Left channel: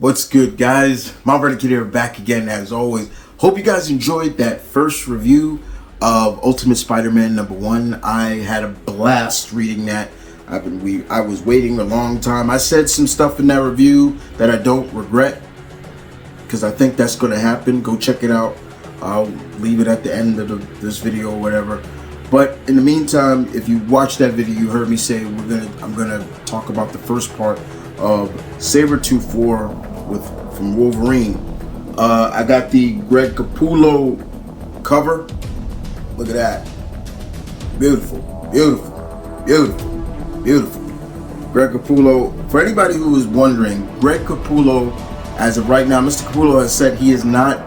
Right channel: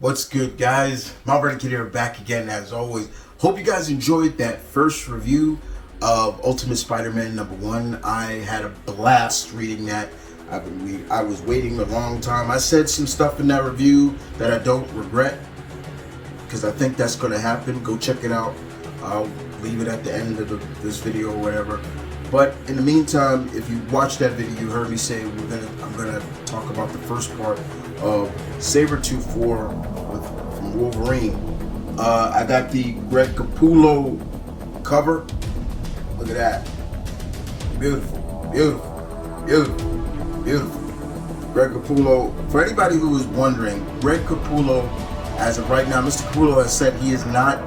What's good, guys? M.V.K here, back again as always. Hope you guys enjoyed that first review of Ultimate Spider-Man #1. I had a blast reading that. I was waiting a long time. I said some stuff in that review that I don't regret because I think that's going to happen. Go check it out. I'll leave it at the end of this video or whatever. But in the meantime, if you watched that video, you heard me say I'm gonna talk about the first part of Sabretooth 4 from Wolverine. I got the Greg Capullo cover. Look at that. Beautiful, beautiful, beautiful, beautiful. Greg Capullo. For anybody who is wondering, Greg Capullo, as of right now, Mr. Capullo has said he is not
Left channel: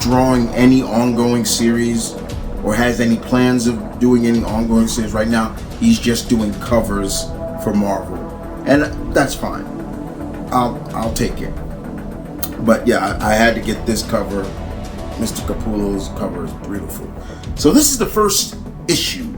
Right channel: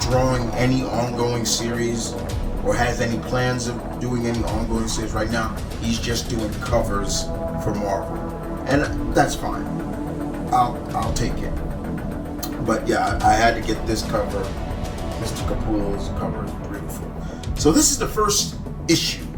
drawing any ongoing series or has any plans of doing any ongoing series right now. He's just doing covers for Marvel, and that's fine. I'll take it. But yeah, I had to get this cover. Mr. Capullo's cover is beautiful. So this is the first issue,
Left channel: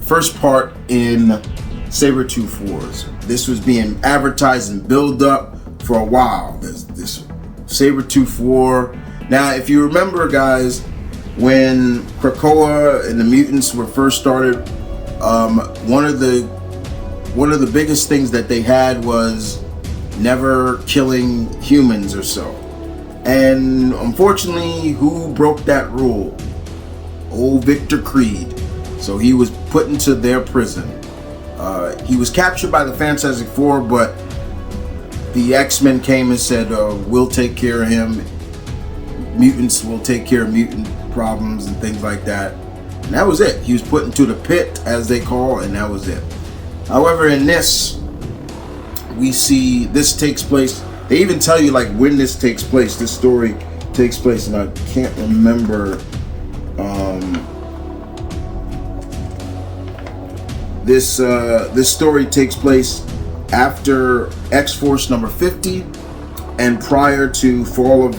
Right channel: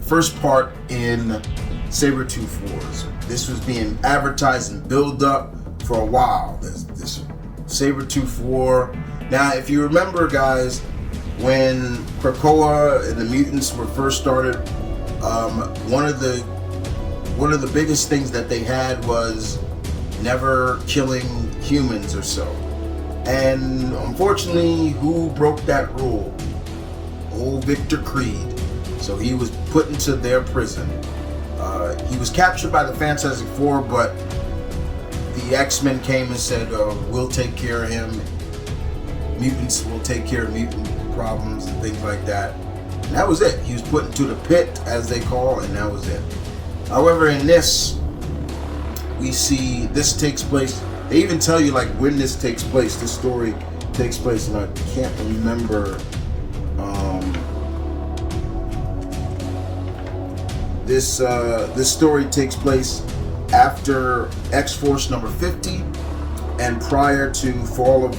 first part in Sabretooth Wars. This was being advertised and built up for a while. There's this Sabretooth War. Now, if you remember, guys, when Krakoa and the mutants were first started, one of the biggest things that they had was never killing humans or so. And unfortunately, who broke that rule? Old Victor Creed. So he was put into their prison. He was captured by the Fantastic Four, but the X-Men came and said, we'll take care of him. Mutants will take care of mutant problems and things like that. And that was it. He was put into the pit, as they call, and that was it. However, in this, we see this takes place. They even tell you like when this takes place. This story takes place, and I can't remember. This story takes place after X-Force number 50 and prior to Fall of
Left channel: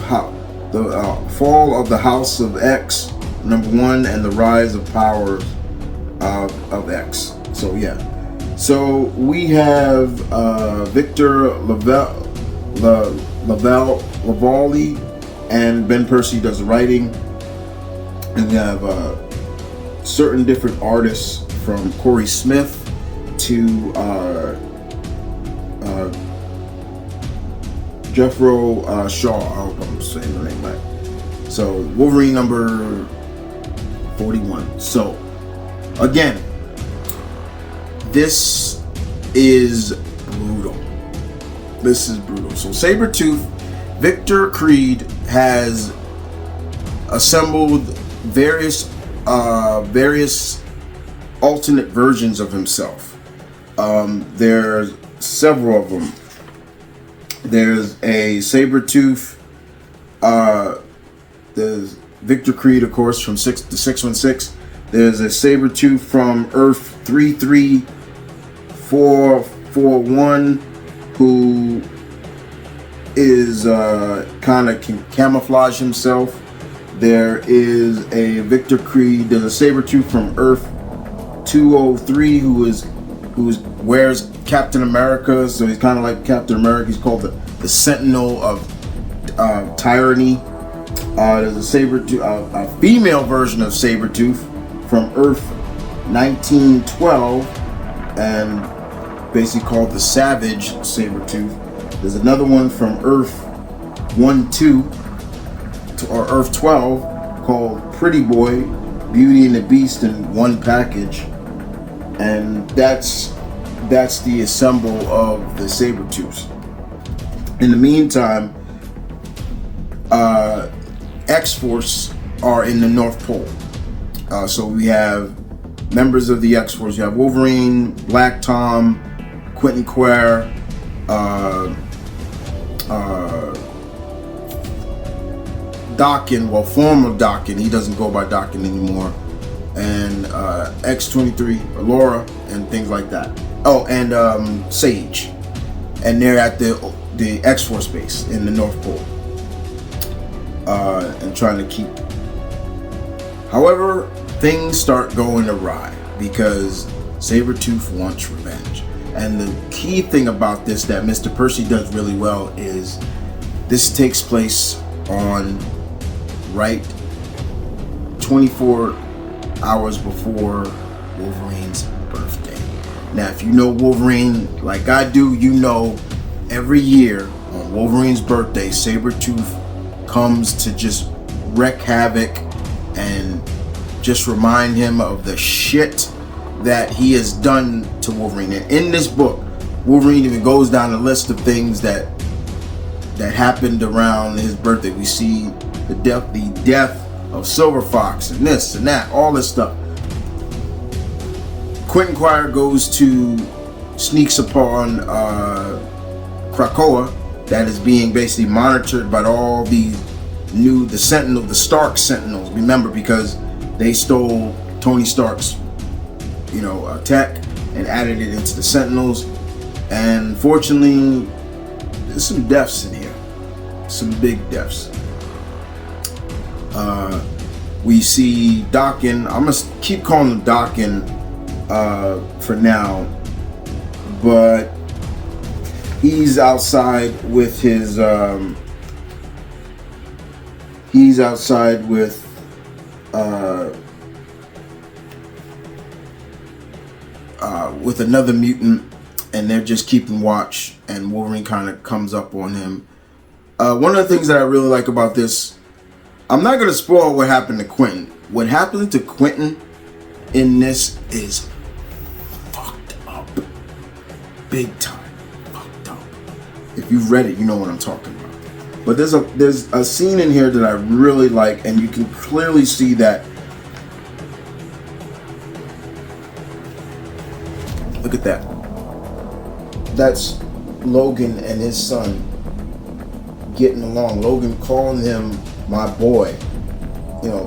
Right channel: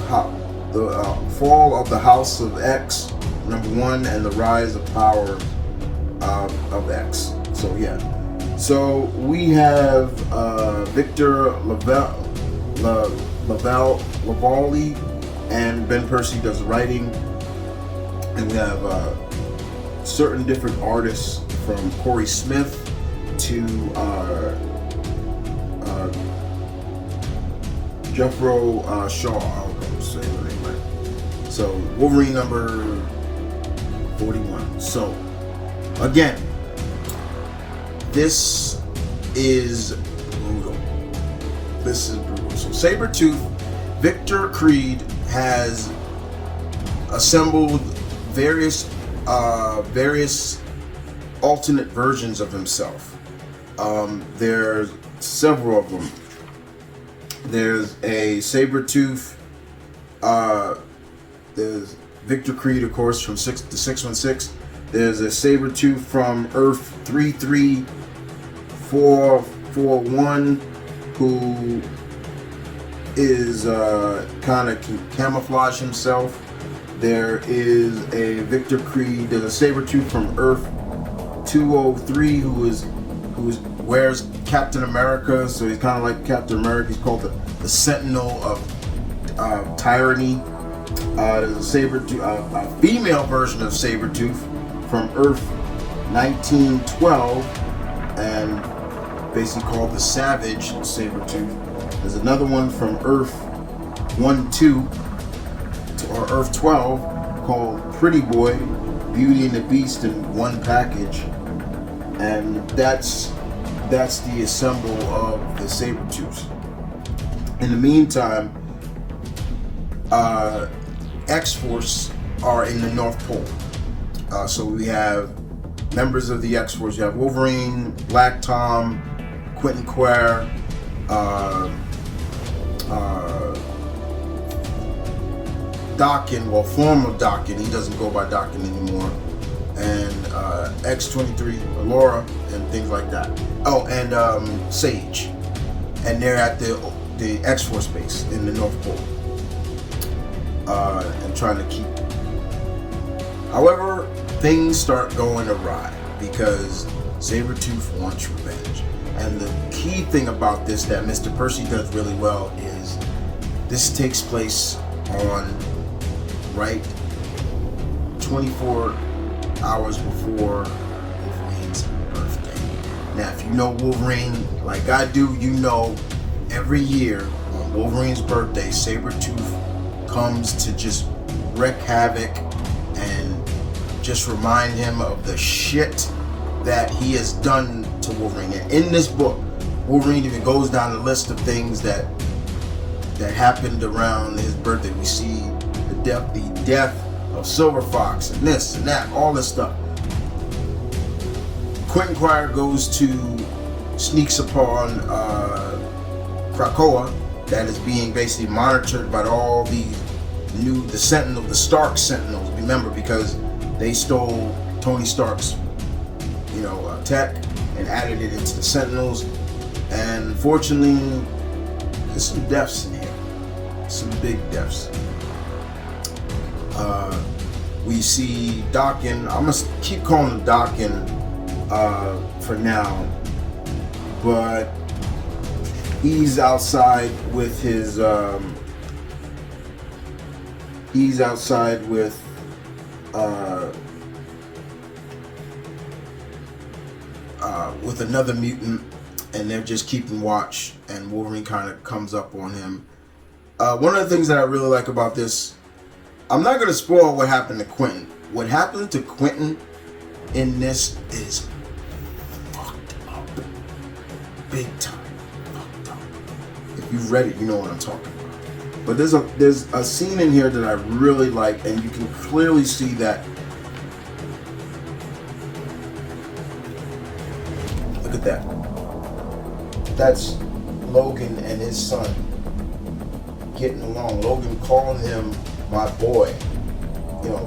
the House of X #1 and the rise of power of X. So yeah. So we have Victor Lavallee and Ben Percy does the writing, and we have certain different artists from Corey Smith to Jeffro Shaw. I hope I'm saying the name right. So Wolverine number 41. So again, this is brutal. This is brutal. So Sabretooth, Victor Creed has assembled various alternate versions of himself. There's several of them. There's a Sabretooth. There's Victor Creed, of course, from 616. There's a Sabretooth from Earth 33441 who is kind of can camouflage himself. There is a Victor Creed. There's a Sabretooth from Earth 203 who wears Captain America, so he's kind of like Captain America. He's called the Sentinel of Tyranny. There's a Sabretooth, a female version of Sabretooth from Earth 1912, and basically called the Savage Sabretooth. There's another one from Earth 12 or Earth 12 called Pretty Boy, Beauty and the Beast in one package, and that's the assemble of the Sabretooths. In the meantime, X-Force are in the North Pole. So we have members of the X-Force. You have Wolverine, Black Tom, Quentin Quire, Daken, former Daken. He doesn't go by Daken anymore. And X-23, Laura, and things like that. Oh, and Sage. And they're at the X-Force base in the North Pole. And trying to keep. However, things start going awry because Sabretooth wants revenge. And the key thing about this that Mr. Percy does really well is this takes place on 24 hours before Wolverine's birthday. Now, if you know Wolverine like I do, you know every year on Wolverine's birthday, Sabretooth comes to just wreak havoc and just remind him of the shit that he has done to Wolverine. And in this book, Wolverine even goes down the list of things that happened around his birthday. We see the death of Silver Fox and this and that, all this stuff. Quentin Quire sneaks upon Krakoa that is being basically monitored by all the Stark Sentinels. Remember, because they stole Tony Stark's tech and added it into the Sentinels. And fortunately, there's some deaths in here, some big deaths. We see Daken. I'm gonna keep calling him Daken for now, but he's outside with his with another mutant, and they're just keeping watch, and Wolverine kind of comes up on him. One of the things that I really like about this, I'm not going to spoil what happened to Quentin. What happened to Quentin in this is fucked up. Big time fucked up. If you've read it, you know what I'm talking about. But there's a scene in here that I really like, and you can clearly see that. Look at that. That's Logan and his son getting along. Logan calling him my boy.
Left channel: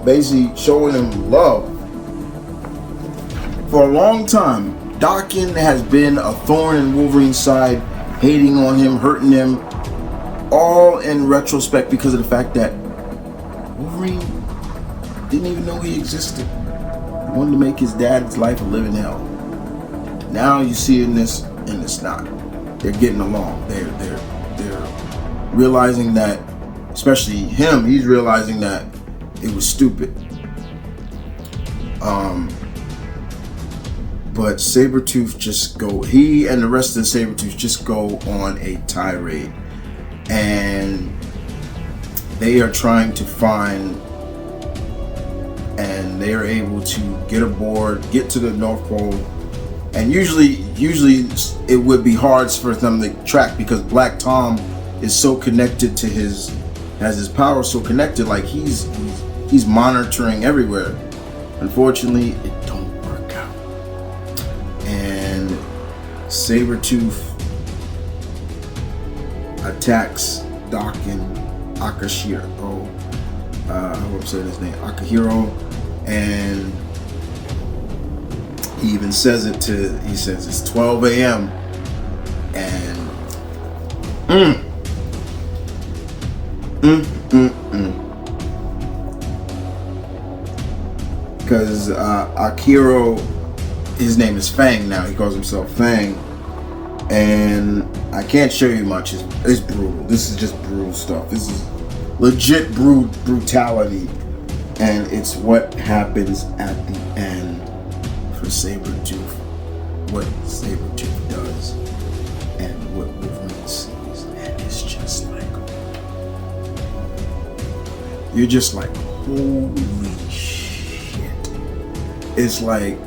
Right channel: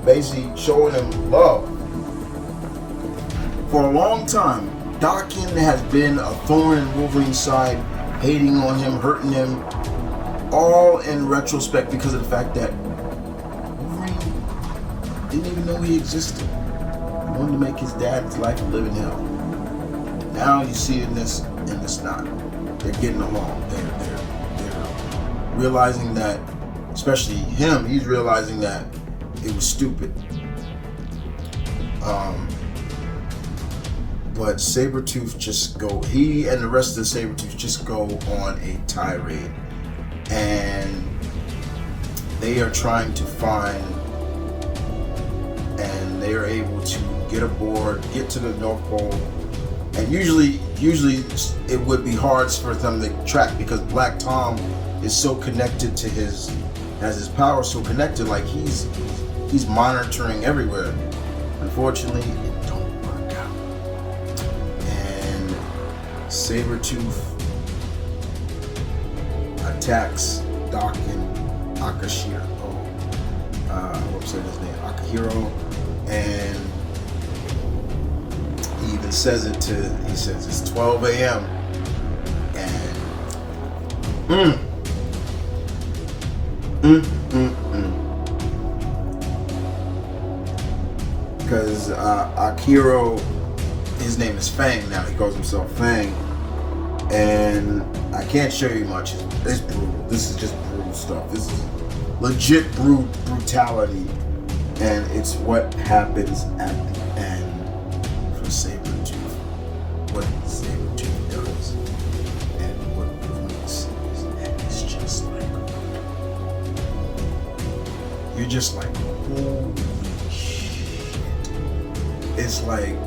Basically showing him love. For a long time, Daken has been a thorn in Wolverine's side, hating on him, hurting him, all in retrospect because of the fact that Wolverine didn't even know he existed. He wanted to make his dad's life a living hell. Now you see in this, and it's not. They're getting along. They're realizing that, especially him, he's realizing that it was stupid. But Sabretooth he and the rest of the Sabretooth just go on a tirade. And they are trying to find, and they are able to get aboard, get to the North Pole. And usually it would be hard for them to track because Black Tom is so connected to has his power so connected, like he's monitoring everywhere. Unfortunately, it don't work out. And Sabretooth attacks Daken Akashiro. I hope I'm saying his name, Akahiro, and he even says he says it's 12 a.m. and because Akiro, his name is Fang now. He calls himself Fang, and I can't show you much. It's brutal. This is just brutal stuff. This is legit brutality, and it's what happens at the end for Sabretooth, what Sabretooth does, and what Wolverine sees, and it's just like, you're just like, holy shit. It's like,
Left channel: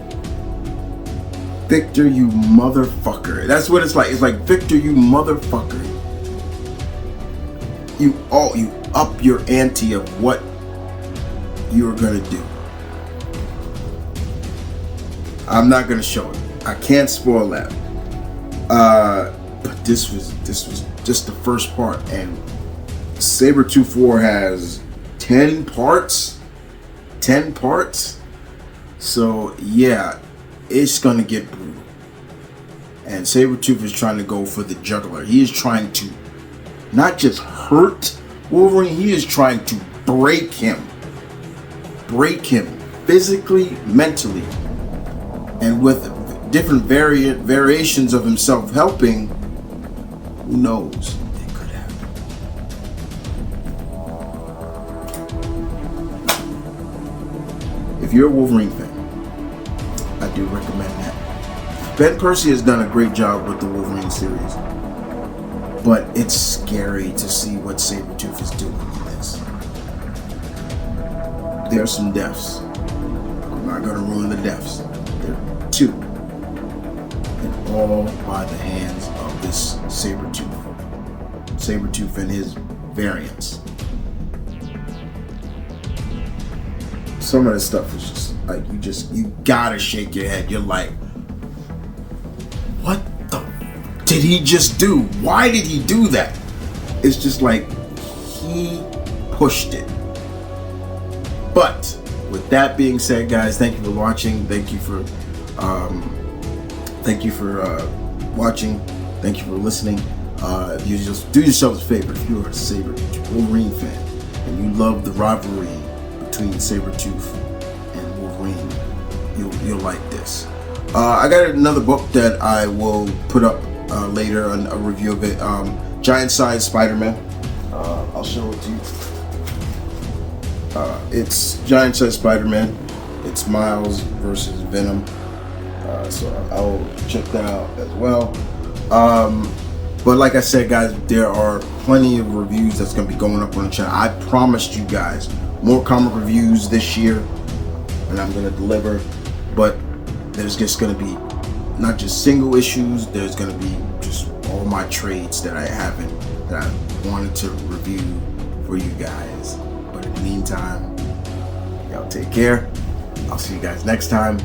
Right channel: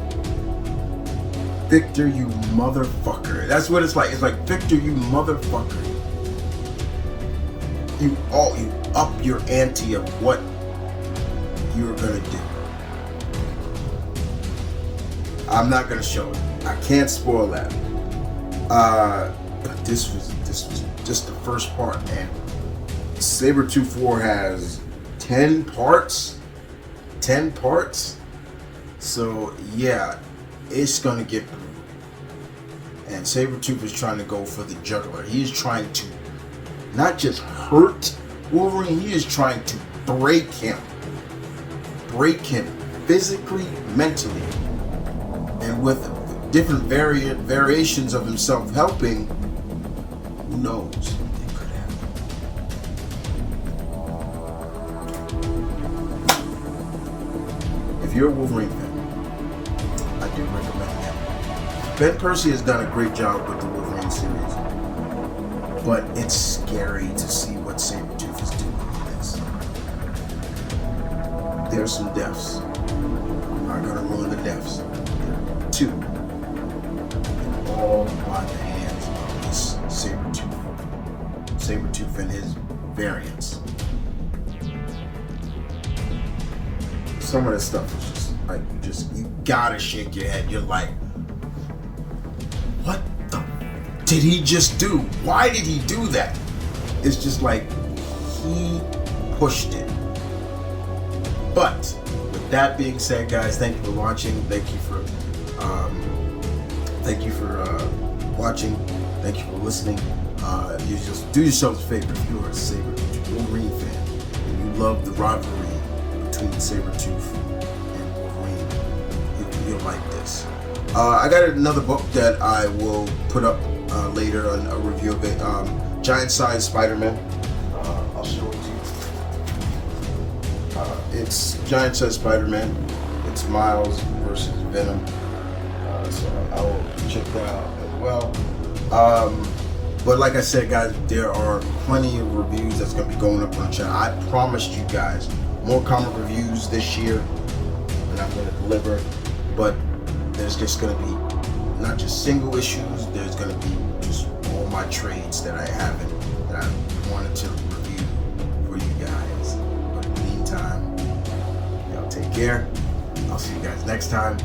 Victor, you motherfucker. That's what it's like. It's like, Victor, you motherfucker. You up your ante of what you're gonna do. I'm not gonna show it. I can't spoil that. But this was just the first part, and Sabretooth War has 10 parts. 10 parts. So yeah, it's gonna get brutal. And Sabretooth is trying to go for the jugular. He is trying to not just hurt Wolverine, he is trying to break him physically, mentally. And with different variations of himself helping, who knows? It could happen. If you're a Wolverine fan, I do recommend that. Ben Percy has done a great job with the Wolverine series, but it's scary to see what Sabretooth is doing in this. There are some deaths. I'm not going to ruin the deaths. There are 2. And all by the hands of this Sabretooth. Sabretooth and his variants. Some of this stuff is just like, you gotta shake your head. You're like, what the did he just do? Why did he do that? It's just like, he pushed it. But with that being said, guys, thank you for watching. Thank you for watching. Thank you for listening. You just do yourselves a favor. If you're a Wolverine fan and you love the rivalry between Sabretooth and Wolverine, you'll like this. I got another book that I will put up later, a review of it. Giant Size Spider-Man. I'll show it to you. It's Giant Size Spider-Man. It's Miles versus Venom. So I'll check that out as well. But like I said, guys, there are plenty of reviews that's going to be going up on the channel. I promised you guys more comic reviews this year, and I'm going to deliver. But there's just going to be not just single issues. There's going to be just all my trades that I haven't, that I wanted to review for you guys. But in the meantime, y'all take care. I'll see you guys next time.